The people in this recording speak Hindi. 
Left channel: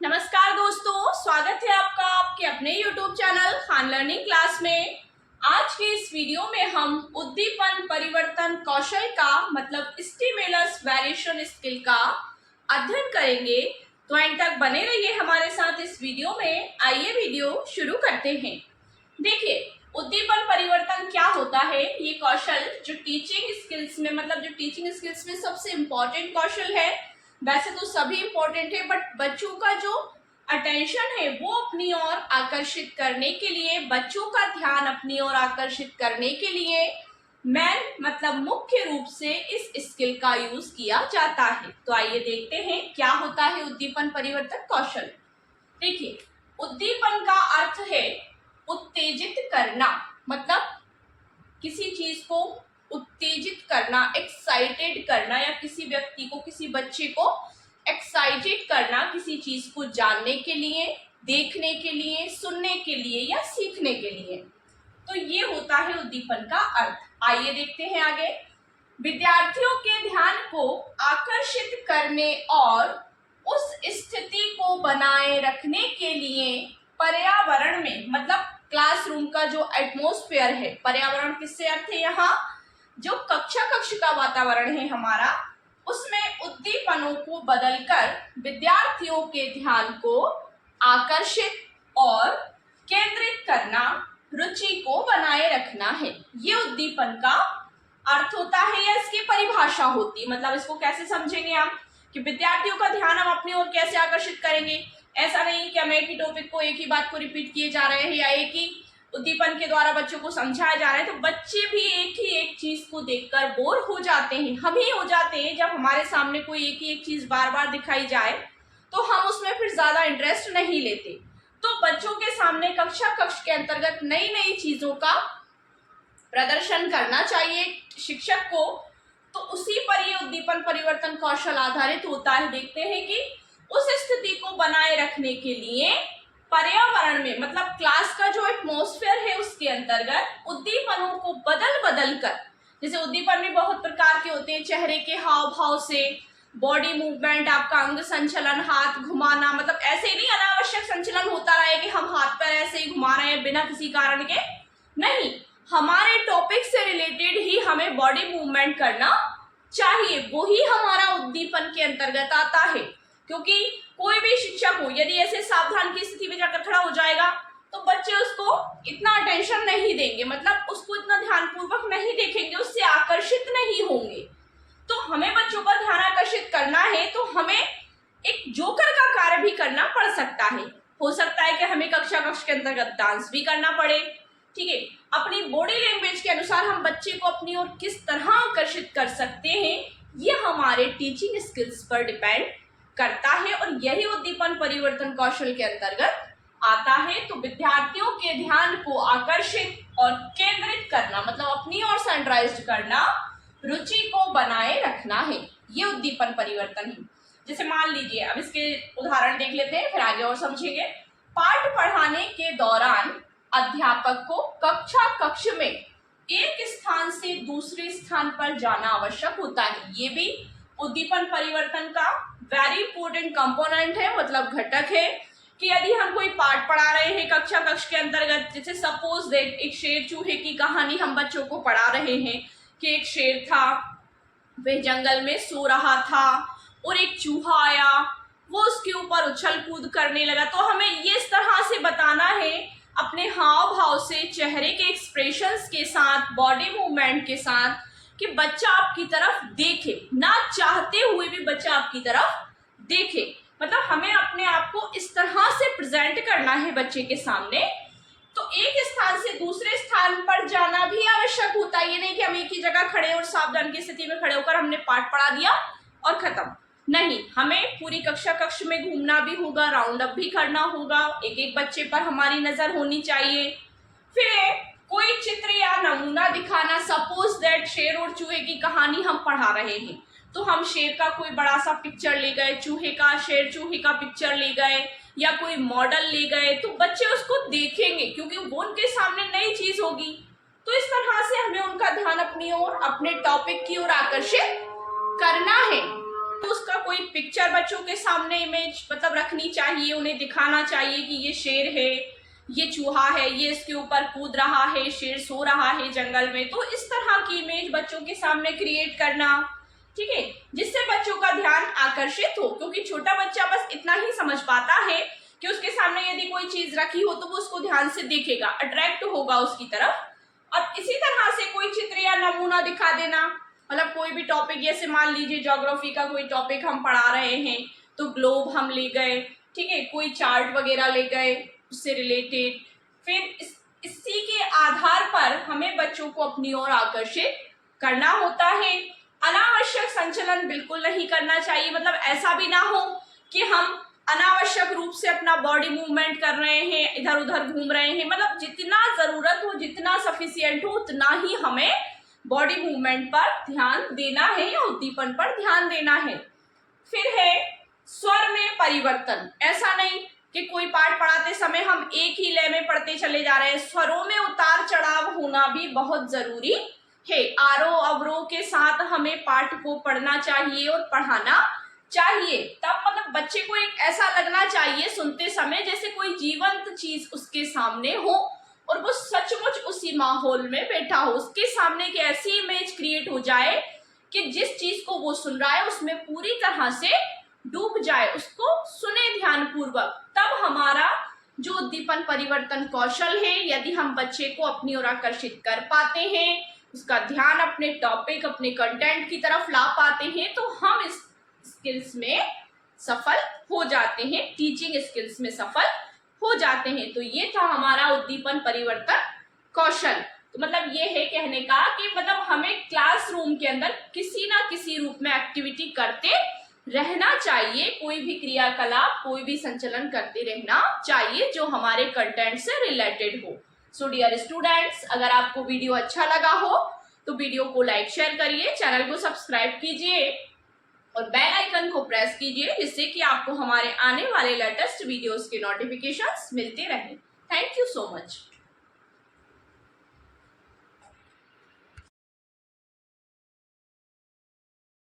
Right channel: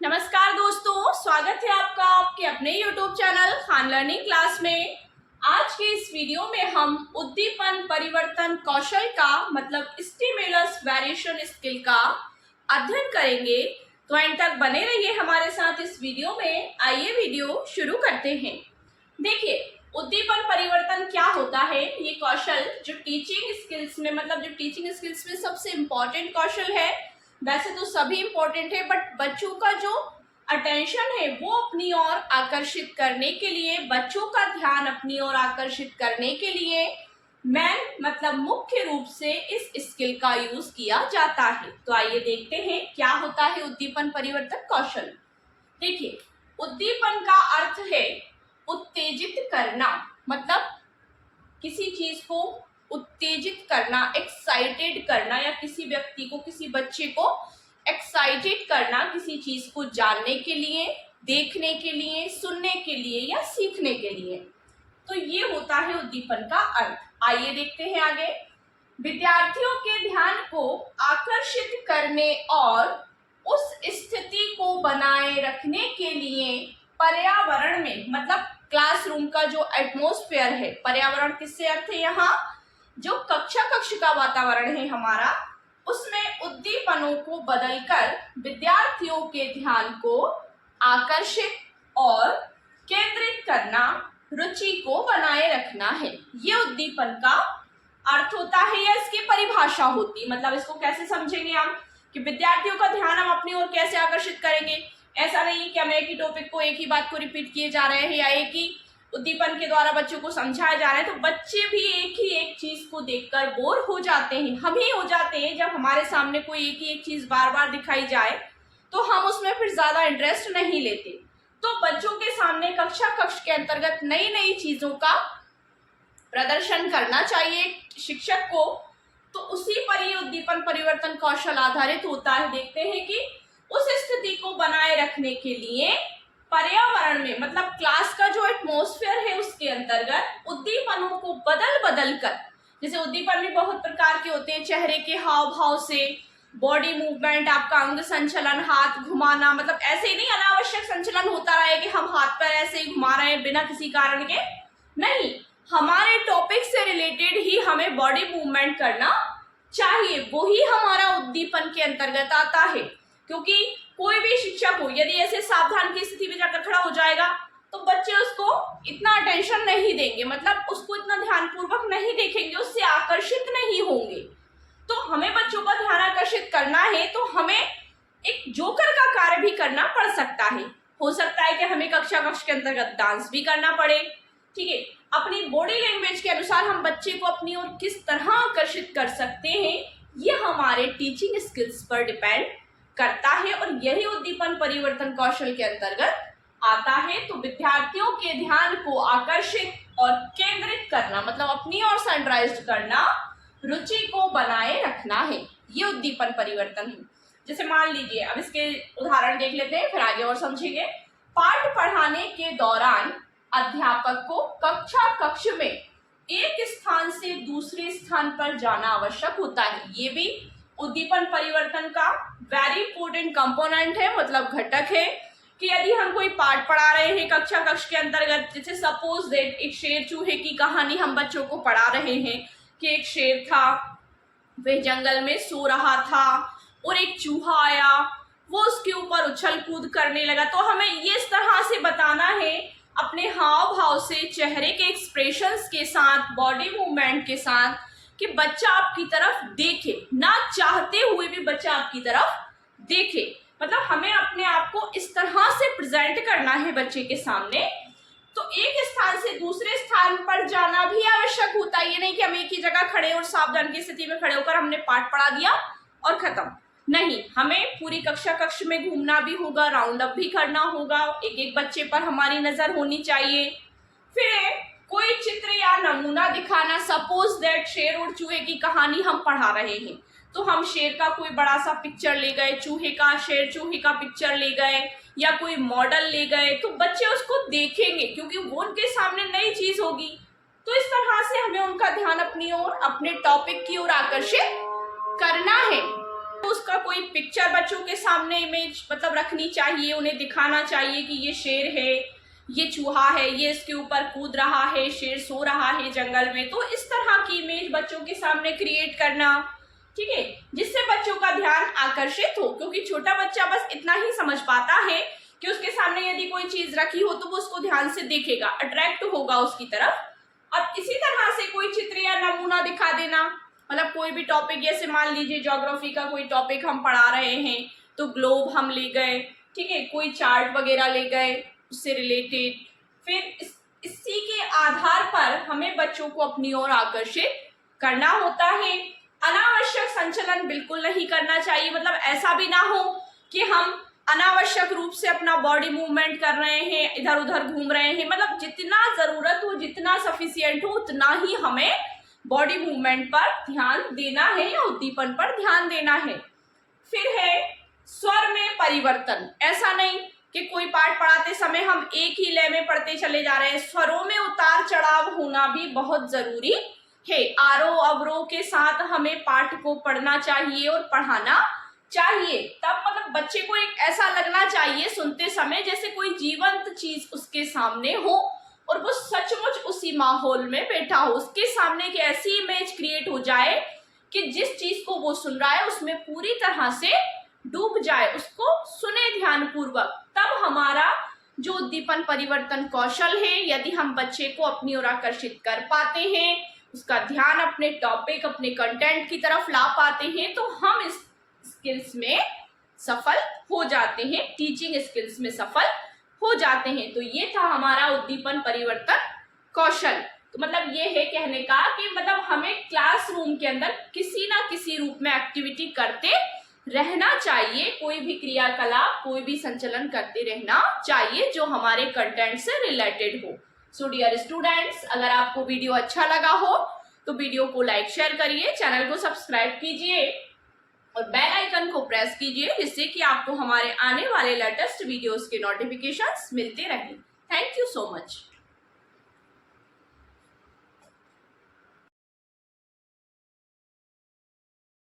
नमस्कार दोस्तों, स्वागत है आपका आपके अपने YouTube channel Khan learning class में। आज के इस वीडियो में हम उद्दीपन परिवर्तन कौशल का मतलब स्टिमुलस वेरिएशन स्किल का अध्ययन करेंगे। तो एंड तक बने रहिए हमारे साथ इस वीडियो में। आइए वीडियो शुरू करते हैं। देखिए, उद्दीपन परिवर्तन क्या होता है। ये कौशल जो टीचिंग स्किल्स में मतलब जो टीचिंग स्किल्स में सबसे इम्पोर्टेंट कौशल है। वैसे तो सभी इम्पोर्टेंट है, बट बच्चों का जो अटेंशन है वो अपनी ओर आकर्षित करने के लिए, बच्चों का ध्यान अपनी ओर आकर्षित करने के लिए मेन मतलब मुख्य रूप से इस स्किल का यूज किया जाता है। तो आइए देखते हैं क्या होता है उद्दीपन परिवर्तन कौशल। देखिए, उद्दीपन का अर्थ है उत्तेजित करना, मतलब किसी चीज को उत्तेजित करना, एक्साइटेड करना, या किसी व्यक्ति को, किसी बच्चे को एक्साइटेड करना किसी चीज को जानने के लिए, देखने के लिए, सुनने के लिए या सीखने के लिए। तो ये होता है उद्दीपन का अर्थ। आइए देखते हैं आगे। विद्यार्थियों के ध्यान को आकर्षित करने और उस स्थिति को बनाए रखने के लिए पर्यावरण में मतलब क्लासरूम का जो एटमॉस्फेयर है, पर्यावरण किससे अर्थ है यहाँ जो कक्ष का वातावरण है हमारा, उसमें उद्दीपनों को बदलकर विद्यार्थियों के ध्यान को आकर्षित और केंद्रित करना, रुचि को बनाए रखना है। ये उद्दीपन का अर्थ होता है या इसकी परिभाषा होती है। मतलब इसको कैसे समझेंगे हम कि विद्यार्थियों का ध्यान हम अपनी ओर कैसे आकर्षित करेंगे। ऐसा नहीं कि हम एक ही टॉपिक को, एक ही बात को रिपीट किए जा रहे हैं या एक ही उद्दीपन के द्वारा बच्चों को समझाया जा रहा है। तो बच्चे भी एक ही एक चीज को देखकर बोर हो जाते हैं। हम ही हो जाते हैं जब हमारे सामने कोई एक ही एक चीज बार बार दिखाई जाए तो हम उसमें फिर ज्यादा इंटरेस्ट नहीं लेते। तो बच्चों के सामने कक्ष के अंतर्गत नई नई चीजों का प्रदर्शन करना चाहिए शिक्षक को। तो उसी पर ये उद्दीपन परिवर्तन कौशल आधारित होता है। देखते हैं कि उस स्थिति को बनाए रखने के लिए पर्यावरण में मतलब क्लास का जो एटमॉस्फेयर है उसके अंतर्गत उद्दीपनों को बदल कर, जैसे उद्दीपन भी बहुत प्रकार के होते हैं, चेहरे के हाव भाव से, बॉडी मूवमेंट, आपका अंग संचलन, हाथ घुमाना, मतलब ऐसे ही नहीं अनावश्यक संचलन होता रहे कि हम हाथ पर ऐसे ही घुमा रहे हैं बिना किसी कारण के। नहीं, हमारे टॉपिक से रिलेटेड ही हमें बॉडी मूवमेंट करना चाहिए, वो ही हमारा उद्दीपन के अंतर्गत आता है। क्योंकि कोई भी शिक्षक हो यदि ऐसे सावधान की स्थिति में जाकर खड़ा हो जाएगा तो बच्चे उसको इतना अटेंशन नहीं देंगे, मतलब उसको इतना ध्यानपूर्वक नहीं देखेंगे, उससे आकर्षित नहीं होंगे। तो हमें बच्चों का ध्यान आकर्षित करना है तो हमें एक जोकर का कार्य भी करना पड़ सकता है। हो सकता है कि हमें कक्ष के अंतर्गत डांस भी करना पड़े। ठीक है, अपनी बॉडी लैंग्वेज के अनुसार हम बच्चे को अपनी ओर किस तरह आकर्षित कर सकते हैं, ये हमारे टीचिंग स्किल्स पर डिपेंड करता है और यही उद्दीपन परिवर्तन कौशल के अंतर्गत आता है। तो विद्यार्थियों के ध्यान को आकर्षित और केंद्रित करना मतलब अपनी ओर सेंट्राइज्ड करना, रुचि को बनाए रखना है, ये उद्दीपन परिवर्तन है। जैसे मान लीजिए, अब इसके उदाहरण देख लेते हैं फिर आगे और समझेंगे। पाठ पढ़ाने के दौरान अध्यापक को कक्ष में एक स्थान से दूसरे स्थान पर जाना आवश्यक होता है। ये भी उद्दीपन परिवर्तन का वेरी इंपॉर्टेंट कंपोनेंट है, मतलब घटक है कि यदि हम कोई पाठ पढ़ा रहे हैं कक्ष के अंतर्गत, जैसे सपोज दैट एक शेर चूहे की कहानी हम बच्चों को पढ़ा रहे हैं कि एक शेर था, वह जंगल में सो रहा था और एक चूहा आया, वो उसके ऊपर उछल कूद करने लगा। तो हमें ये इस तरह से बताना है अपने हाव भाव से, चेहरे के एक्सप्रेशंस के साथ, बॉडी मूवमेंट के साथ कि बच्चा आपकी तरफ देखे, ना चाहते हुए भी बच्चा आपकी तरफ देखे। मतलब हमें अपने आप को इस तरह से प्रेजेंट करना है बच्चे के सामने। तो एक स्थान से दूसरे स्थान पर जाना भी आवश्यक होता है। ये नहीं कि हम एक ही जगह खड़े और सावधान की स्थिति में खड़े होकर हमने पाठ पढ़ा दिया और खत्म। नहीं, हमें पूरी कक्ष में घूमना भी होगा, राउंड अप भी करना होगा, एक एक बच्चे पर हमारी नजर होनी चाहिए। फिर कोई चित्र या नमूना दिखाना, सपोज दैट शेर और चूहे की कहानी हम पढ़ा रहे हैं तो हम शेर का कोई बड़ा सा पिक्चर ले गए, चूहे का, शेर चूहे का पिक्चर ले गए या कोई मॉडल ले गए, तो बच्चे उसको देखेंगे क्योंकि वो उनके सामने नई चीज होगी। तो इस तरह से हमें उनका ध्यान अपनी ओर, अपने टॉपिक की ओर आकर्षित करना है। उसका कोई पिक्चर बच्चों के सामने इमेज मतलब रखनी चाहिए, उन्हें दिखाना चाहिए कि ये शेर है, ये चूहा है, ये इसके ऊपर कूद रहा है, शेर सो रहा है जंगल में। तो इस तरह की इमेज बच्चों के सामने क्रिएट करना, ठीक है, जिससे बच्चों का ध्यान आकर्षित हो, क्योंकि छोटा बच्चा बस इतना ही समझ पाता है कि उसके सामने यदि कोई चीज रखी हो तो वो उसको ध्यान से देखेगा, अट्रैक्ट होगा उसकी तरफ। अब इसी तरह से कोई चित्र या नमूना दिखा देना, मतलब कोई भी टॉपिक, जैसे मान लीजिए ज्योग्राफी का कोई टॉपिक हम पढ़ा रहे हैं तो ग्लोब हम ले गए, ठीक है, कोई चार्ट वगैरह ले गए उससे रिलेटेड, फिर इसी के आधार पर हमें बच्चों को अपनी ओर आकर्षित करना होता है। अनावश्यक संचलन बिल्कुल नहीं करना चाहिए, मतलब ऐसा भी ना हो कि हम अनावश्यक रूप से अपना बॉडी मूवमेंट कर रहे हैं, इधर उधर घूम रहे हैं, मतलब जितना जरूरत हो, जितना सफिशिएंट हो उतना ही हमें बॉडी मूवमेंट पर ध्यान देना है या उद्दीपन पर ध्यान देना है। फिर है स्वर में परिवर्तन। ऐसा नहीं कि कोई पाठ पढ़ाते समय हम एक ही लय में पढ़ते चले जा रहे हैं, स्वरों में उतार चढ़ाव होना भी बहुत जरूरी है। आरोह अवरोह के साथ हमें पाठ को पढ़ना चाहिए और पढ़ाना चाहिए, तब मतलब बच्चे को एक ऐसा लगना चाहिए सुनते समय जैसे कोई जीवंत चीज उसके सामने हो और वो सचमुच उसी माहौल में बैठा हो, उसके सामने एक ऐसी इमेज क्रिएट हो जाए कि जिस चीज को वो सुन रहा है उसमें पूरी तरह से डूब जाए, उसको सुने ध्यान पूर्वक। तब हमारा जो उद्दीपन परिवर्तन कौशल है, यदि हम बच्चे को अपनी ओर आकर्षित कर पाते हैं, उसका ध्यान अपने टॉपिक, अपने कंटेंट की तरफ ला पाते हैं, तो हम इस स्किल्स में सफल हो जाते हैं, टीचिंग स्किल्स में सफल हो जाते हैं। तो ये था हमारा उद्दीपन परिवर्तन कौशल। तो मतलब ये है कहने का कि मतलब हमें क्लासरूम के अंदर किसी ना किसी रूप में एक्टिविटी करते रहना चाहिए, कोई भी क्रियाकलाप, कोई भी संचलन करते रहना चाहिए जो हमारे कंटेंट से रिलेटेड हो। सो डियर स्टूडेंट्स, अगर आपको वीडियो अच्छा लगा हो तो वीडियो को लाइक शेयर करिए, चैनल को सब्सक्राइब कीजिए और बेल आइकन को प्रेस कीजिए, जिससे कि आपको हमारे आने वाले लेटेस्ट वीडियोस के नोटिफिकेशंस मिलते रहें। Thank you so much.